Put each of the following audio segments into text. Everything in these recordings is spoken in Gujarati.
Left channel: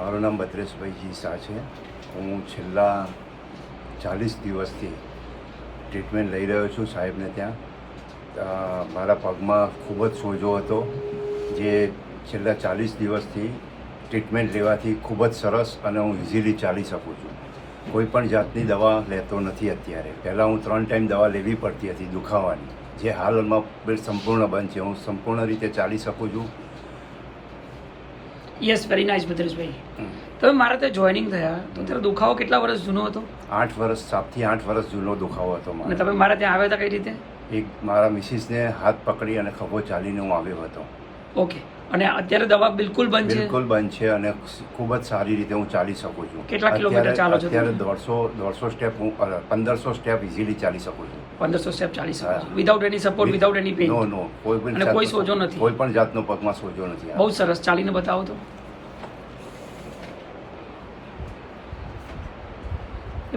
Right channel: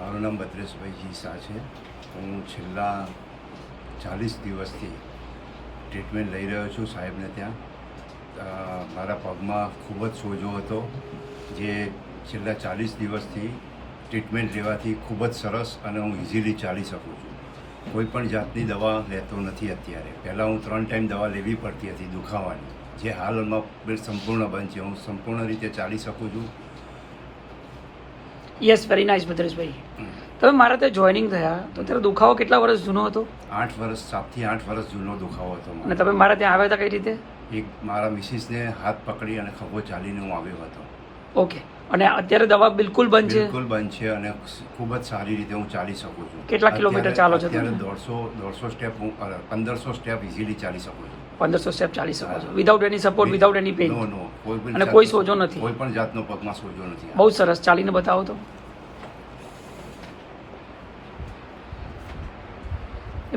મારું નામ ભદ્રેશભાઈ જી શાહ છે. હું છેલ્લા 40 દિવસથી ટ્રીટમેન્ટ લઈ રહ્યો છું સાહેબને ત્યાં. મારા પગમાં ખૂબ જ સોજો હતો, જે છેલ્લા 40 દિવસથી ટ્રીટમેન્ટ લેવાથી ખૂબ જ સરસ અને હું ઇઝીલી ચાલી શકું છું. કોઈ પણ જાતની દવા લેતો નથી અત્યારે. પહેલાં હું 3 ટાઈમ દવા લેવી પડતી હતી દુખાવાની, જે હાલમાં સંપૂર્ણ બંધ છે. હું સંપૂર્ણ રીતે ચાલી શકું છું. Yes, very nice Bhadreshbhai. તમે મારા ત્યાં જોઈનિંગ થયા તો ત્યારે દુખાવો કેટલા વર્ષ જૂનો હતો? 8 વર્ષ, 7 થી 8 વર્ષ જૂનો દુખાવો હતો અને મારો. તમે મારા ત્યાં આવ્યા હતા કઈ રીતે? એક મારા મિસિસને હાથ પકડી અને ખભો ચાલીને હું આવ્યો હતો. ઓકે. અને અત્યારે દવા બિલકુલ બંધ છે? બિલકુલ બંધ છે અને ખૂબ જ સારી રીતે હું ચાલી શકું છું. કેટલા કિલોમીટર ચાલો છો? અત્યારે 150 સ્ટેપ, હું 1500 સ્ટેપ ઇઝીલી ચાલી શકું છું. 1500 સ્ટેપ ચાલી શકો છો without any support, without any pain? No, કોઈ પણ અને કોઈ સોજો નથી? કોઈ પણ જાતનો પગમાં સોજો નથી. બહુ સરસ. ચાલીને બતાવો તો.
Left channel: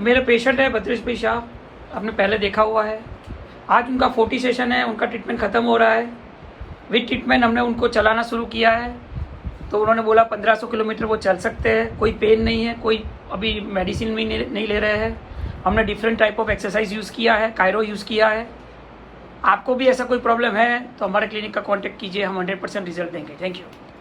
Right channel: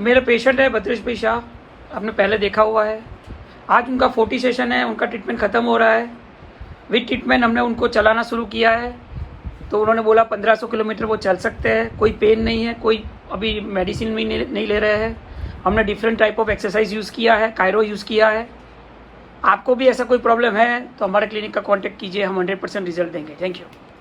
मेरा पेशेंट है भद्रेश भाई शाह, आपने पहले देखा हुआ है. आज उनका 40 सेशन है, उनका ट्रीटमेंट खत्म हो रहा है. विद ट्रीटमेंट हमने उनको चलाना शुरू किया है, तो उन्होंने बोला 1500 किलोमीटर वो चल सकते हैं. कोई पेन नहीं है, कोई अभी मेडिसिन भी नहीं ले रहे हैं. हमने different type of exercise use किया है, कायरो यूज़ किया है. आपको भी ऐसा कोई प्रॉब्लम है तो हमारे क्लिनिक का कॉन्टेक्ट कीजिए, हम 100% रिजल्ट देंगे. Thank you.